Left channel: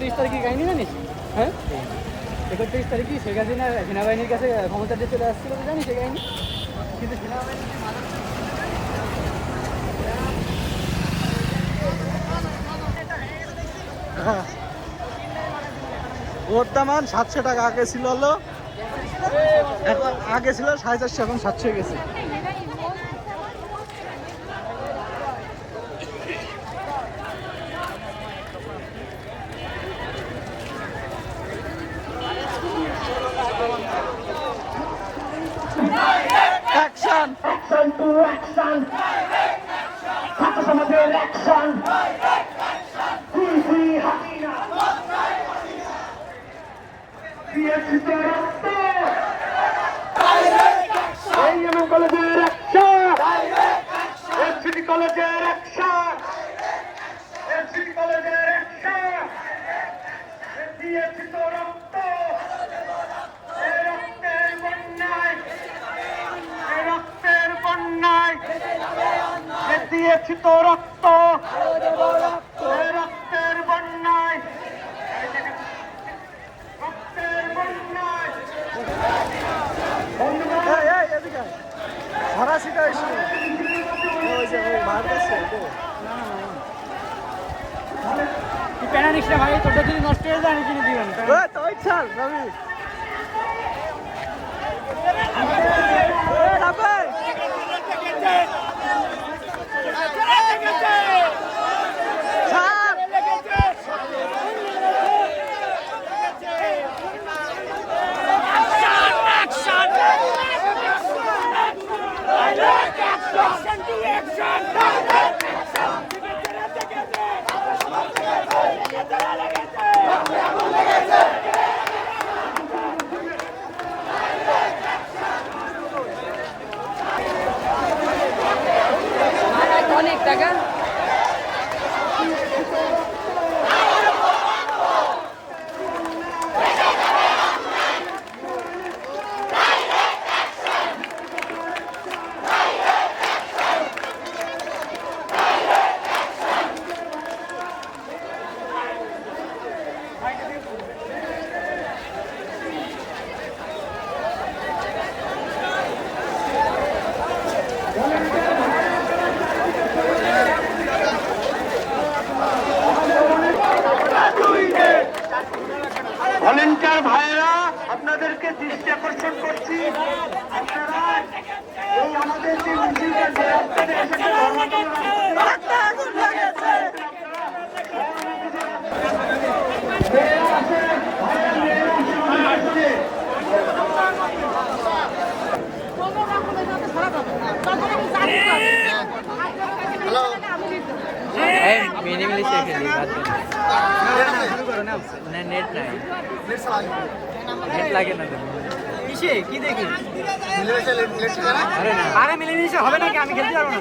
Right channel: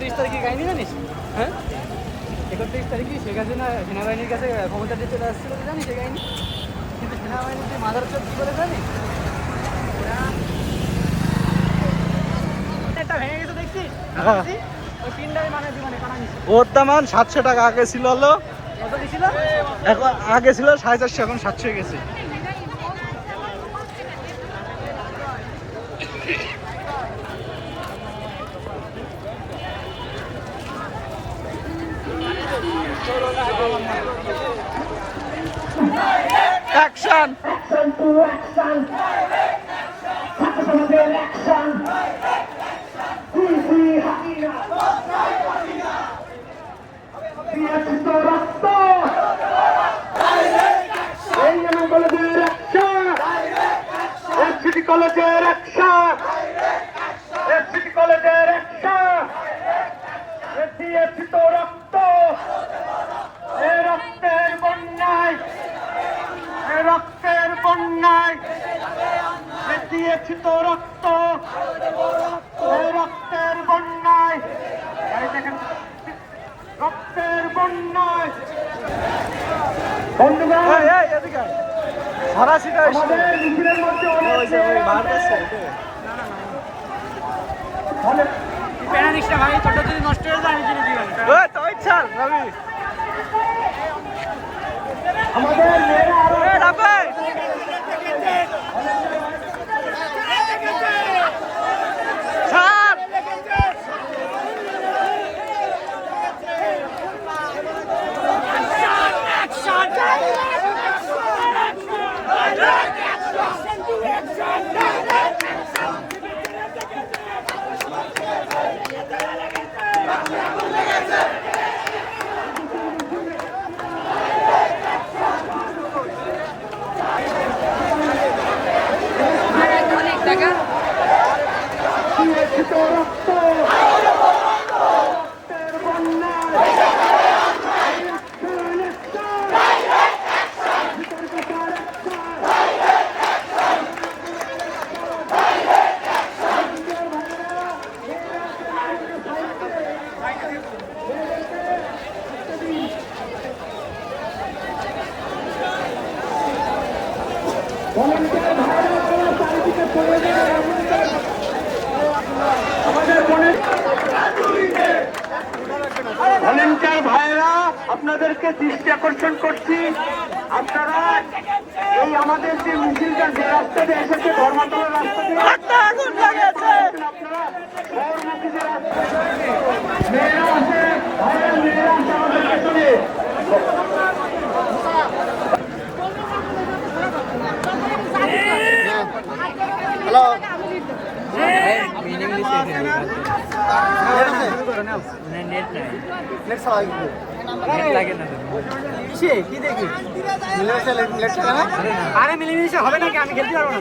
31 তারিখে কাহিনী জানিস? হ্যাঁ, 31 তারিখে শেখ হাসিনা সেনাবাহিনীর কাছে ক্ষমতা দিয়ে চলে আসছিল জানিস সে কাহিনী? কিন্তু সেনাবাহিনীকে মাদার চোখ করে জানিস? ওর দাম 700 টাকা আগে ছিল হলো, এখন আগে ছিল 450, এখন 700 গেছে। Action Action to action! ছাত্র সমাজের অ্যাকশন! তুই হাসিনা! দিয়েছি তো রক্ত! এই এমএম কলেজের অ্যাকশন! সিটি কলেজের অ্যাকশন! সিটি কলেজের অ্যাকশন! দিয়েছি তো রক্ত! এই রক্তের বন্যায়! এই রক্তের বন্যায়! দিয়েছি তো রক্ত! এই রক্তের বন্যায়! রক্তের বন্যায়! ফরাসিটা আসলে ওই যে ওই বার করছে প্যারানিক্সটা ভাই ছোট যদি নষ্ট হয়ে যায় আমি কিনে দিই ওই তো ওই ছাড় রবি এ রাবে ছাড় ভলেন্টিয়ার ভাইরা আপনাদেরকে দৃষ্টি আকর্ষণ করছি, আপনারা এই আমাদের যে মিছিলটা যে রাস্তাতে এসেছে আগুন লাগেছে মেয়েরা আছে, ভাইরা মেয়েরা আছে আমাদের পেছনে। নেট নাই নেট লাগে না কি দেখি আরে মিলেমিশে হবে নাকি? আমি খেলতে পারবো না।